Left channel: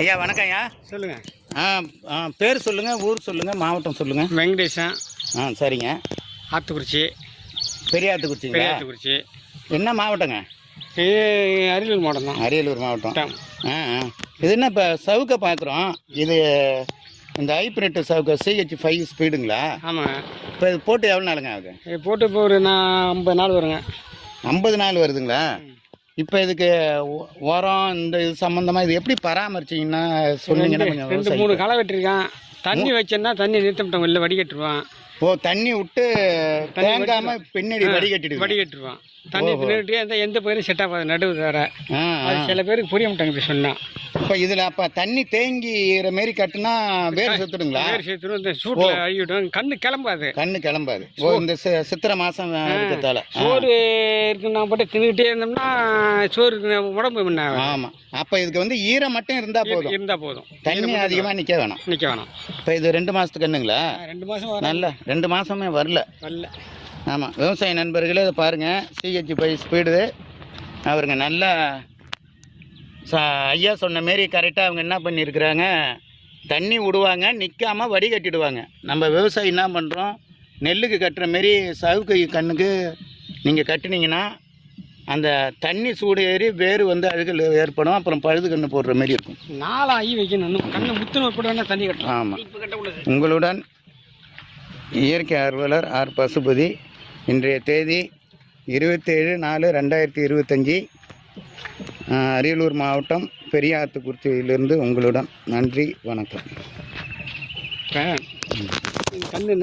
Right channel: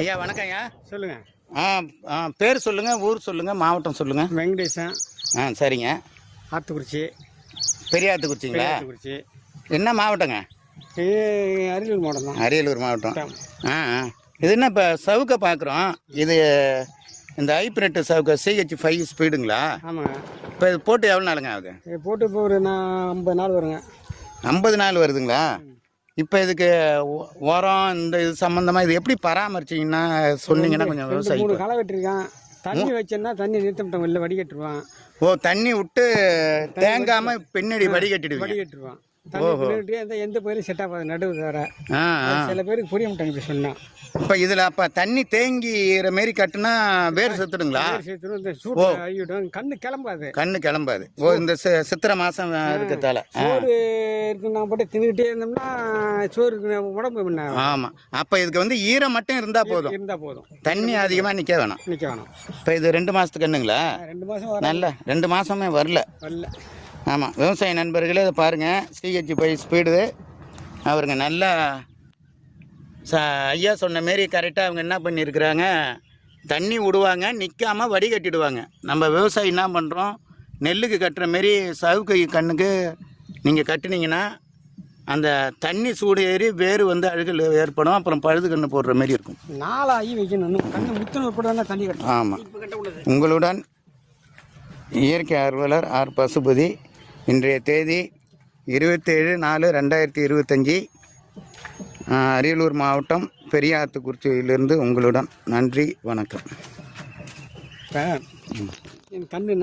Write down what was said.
ஐயா வணக்கம் ஐயா. சொல்லுங்கள். பேர் சொல்லுங்கள், ஊர் சொல்லுங்கள், மாவட்டம் சொல்லுங்கள். வெங்கடேசன். சரிங்க. ஆத்துக்குறிச்சி. பெரியாத்துக்குறிச்சிங்க. பெரியாத்துக்குறிச்சி. என்ன மாவட்டங்க? இது அரியலூர் மாவட்டம் தான். அரியலூர் மாவட்டம். இது என்ன இப்போ சவுக்கை பார்க்குறோம். இது இந்த ஹைப்ரிட் சவுக்கை CH5 ஸ்பீடுங்களா? ஆமாங்க. இப்போ இது போட்டு எவ்வளோ நாளுங்க ஆகுது? இது போட்டு இப்போ ஒரு 50 நாள் வருங்க. 50 நாள் வருதுங்களா? இப்போ இதுக்கு உரம் இந்த இது சம்மந்தமாக இது எப்படி பராமரிச்சிங்கன்னா சொன்னீங்கன்னா கொஞ்சம் 2-3 களை வெட்டிருக்கான். தண்ணி வச்சேன்னா தண்ணி நிறுத்தப்பட்டவங்க இல்லை, வடிகட்டுருவான். தண்ணி விட்டு தேங்காமல் பின்னாடி வடிகட்டுருவான். தண்ணி நிறுத்திட்டே எந்த பயிரும் செட் ஆகாது, நடுவு வேற. சில பேருக்கு புரிய மாட்டாங்க இப்படி சொன்னா. இப்போ இதில் அப்போ தண்ணி தேங்கிற மாரி கட்டுனா வேர் செத்துடுங்களா? வேர் செத்துடும். இந்த சூட்டில் அழிவிடும். கண்ணு கிளம்பாது. இந்த சித்திரை மாதம் இருக்கிறதால சோறு இருக்குன்னா போட்டு தின்னுக்கிட்டே இருந்தோம்னா சோறு உடம்பு என்ன. ஆமாம். அப்போ இதுக்கு வந்து ஈரம் மட்டும் இருந்தால் போதும். தண்ணி அதிகமாக நிற்க வேணாம். இப்போ இது 2 மாதத்துக்கு கண்ணுங்களா? 2 மாதம் நல்ல 2 மாதமே வரல. ஆமாம். விவசாய நண்பர்களே இதை பாருங்கள். CH5 ஸ்பீடு அவருங்க நல்ல ஐயா சொன்ன மாரி கரெக்டாக அவங்க என்ன பண்ணியிருக்கிறாங்க, தண்ணி விடுவாங்க, நிற்காமல் வடிகட்டிடுவாங்க. நம்ம விவசாயி என்ன பண்ணுறோம், நெல்லுக்கு கட்டுற மாரி சவுக்கு கண்ணுக்கு நீங்கள் கட்டினீங்கன்னா அந்த தண்ணி சூடு ஏறி வேறு வந்து அழுகல் ஏற்படும். அப்புறம் பழுது கன்று போடுற மாரி இருக்கும். நாளாகி வைக்கணும். கண்ணு முத்துன போட்டு தண்ணி கட்டணும். ஆமாம். உங்களுடன் இயற்கை ஆர்வலர் ஆர் பசுபதி. இன்றைய தேதி 27/4/2025. அரியலூர் மாவட்டம் பெரியாத்துக்குறிச்சியிலிருந்து உங்களுடன். நன்றி, வணக்கம். கண்ணு